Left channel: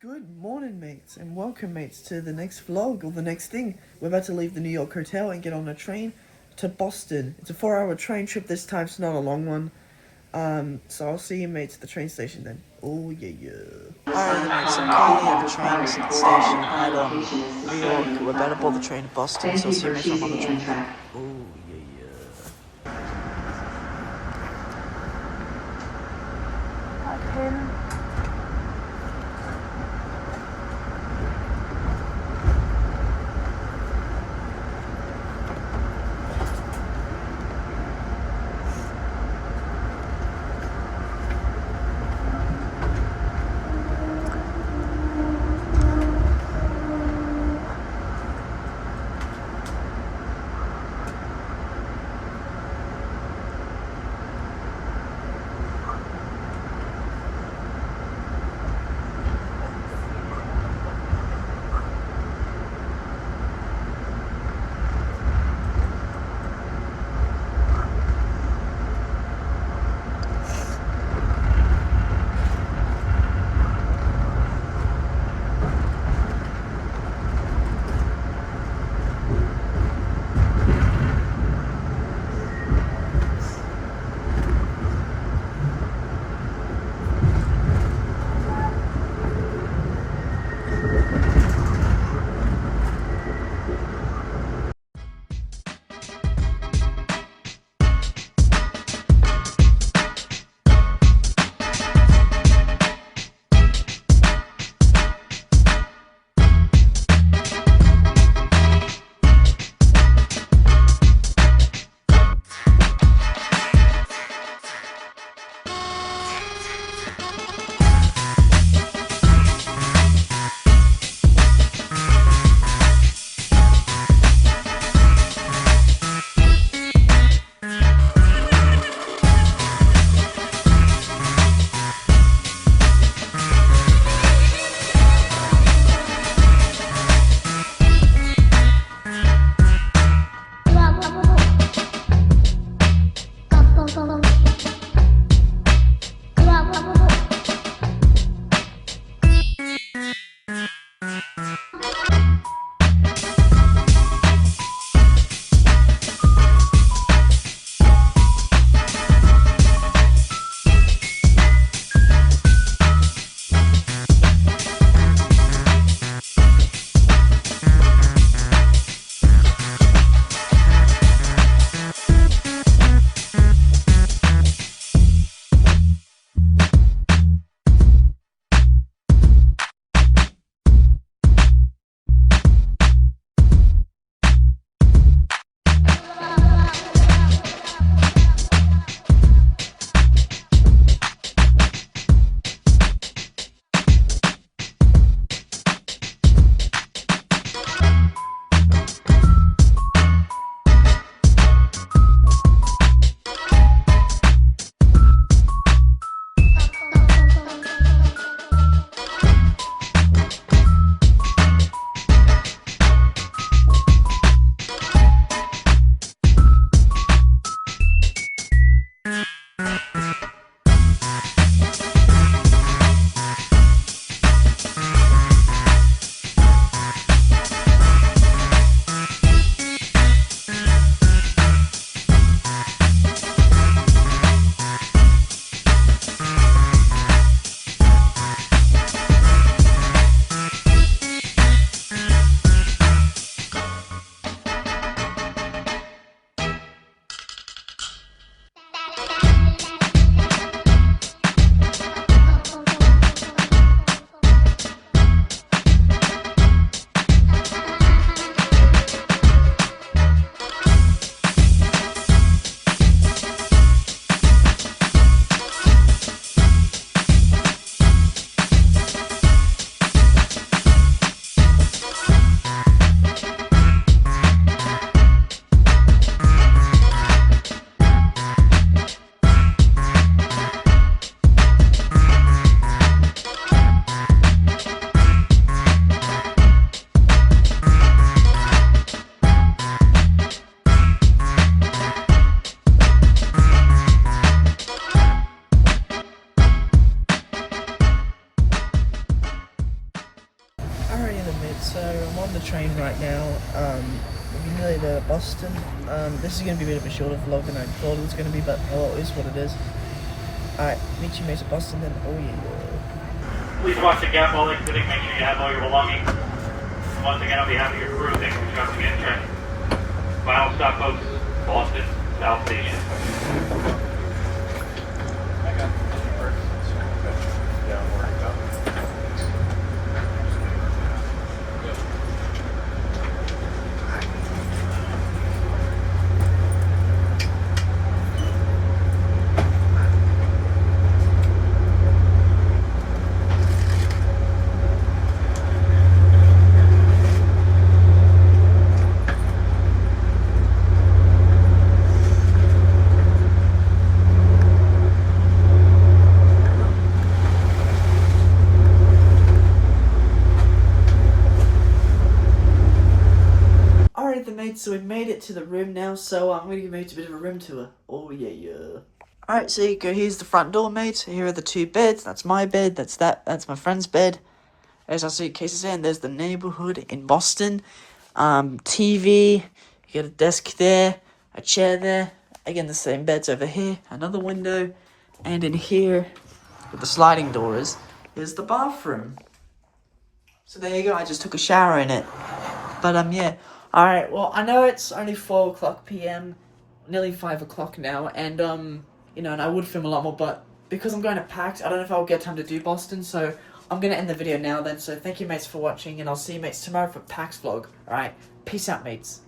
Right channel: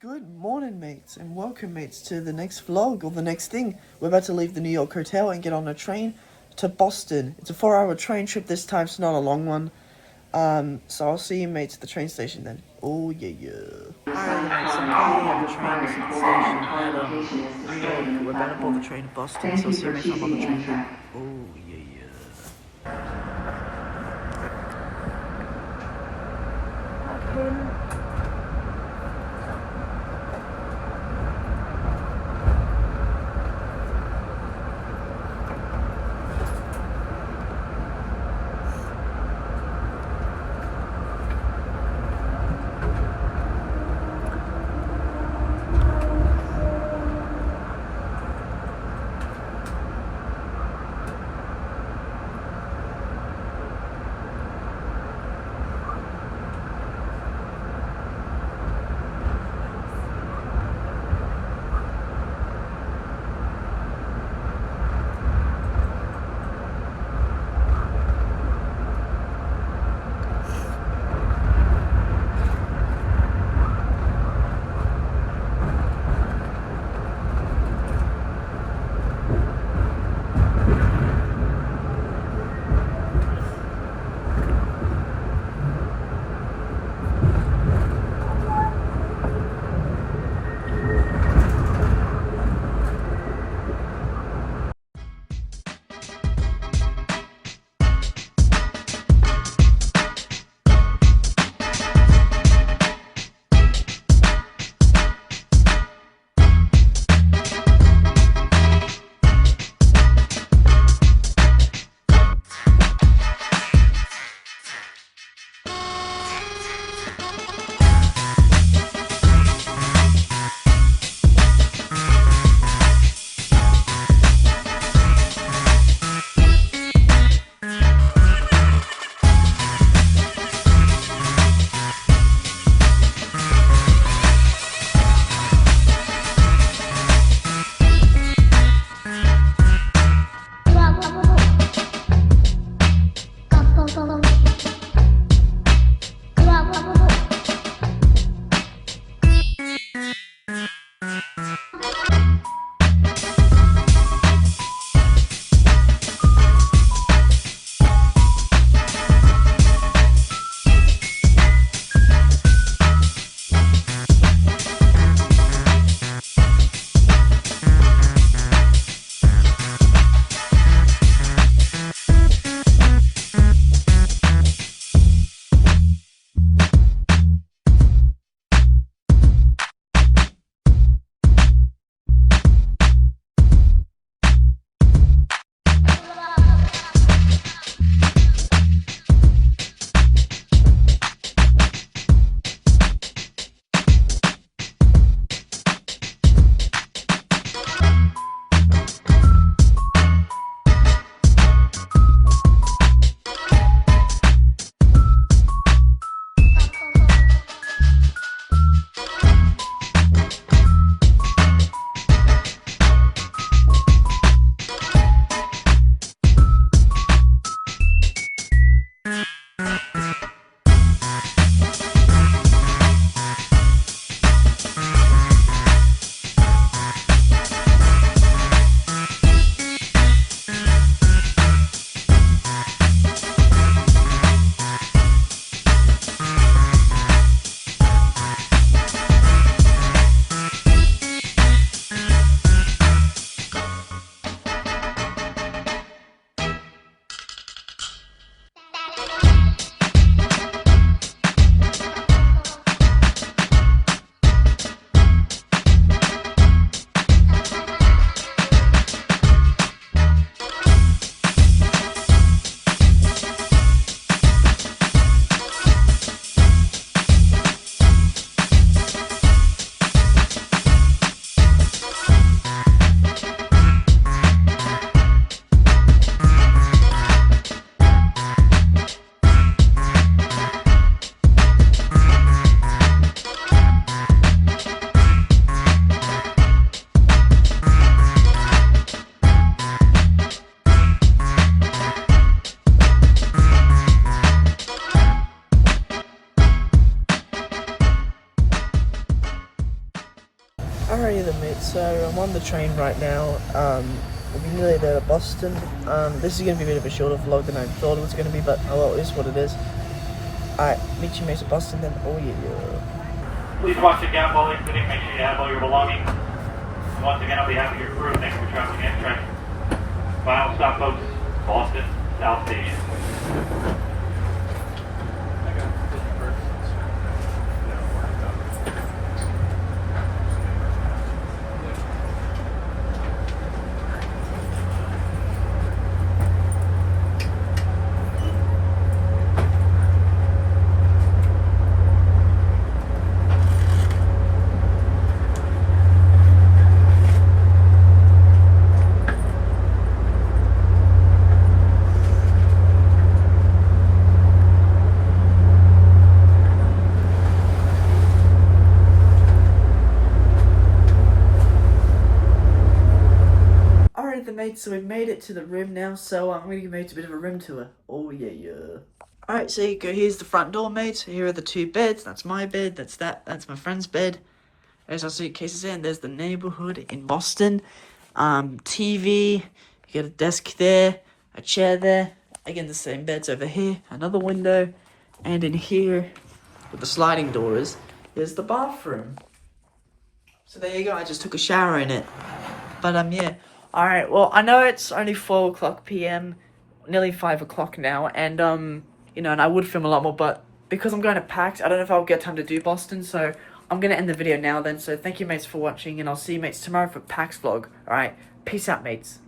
Good morning, mates, and welcome, mates, to the next vlog, or the next thing. We're about to leave the New York hotel and get on a train to Boston. It's a 4-hour train trip this time, so not a long one. So I'll see you, mates, at the train station then. Oh, yeah. Alright then, mates, I'm currently at the train station at, New York. We're about to board the train to Boston, so I'll see you, mates, when I'm on the train then. Oh, yeah. Hi, Pin. Alrighty then, mate. So I'm on the train right now. I'm nearly there to Boston. This is going to be a bit of a shorter vlog than I thought it was going to be, but oh well, it is what it is. Alright, meet you mates at Boston then. Oh yeah. Please watch the gap while exiting. Make sure you have all your belongings. Once again, on behalf of your crew, thanks for trusting in train. Final stop, folks. Boston, South Station. Alright then, mates, so we've made it to the room now, so I'm going to give mates a bit of a room tour. Oh yeah. Alright, so you go, here's the front door, mates. Here are the two beds. That's my bed, that's my friend's bed. There's our suitcases there, and there's the neighborhood in Boston. TV, you get a desk there, a chair there. Again, the same beds over here, another window. And in here, with the sliding doors, is the bathroom. So there you go, I just took a shower in it. But yeah. Alright, well, I know it's only 4 o'clock p.m., nearly 5 o'clock now, and, you know, and I would film a lot more, but because I'm going to PAX, I don't know if I'll get time to do Boston, so I'm going to end the video now then. So thank you, mates, for watching, and I'll see you, mates, tomorrow for PAX vlog. Alright, peace out, mates.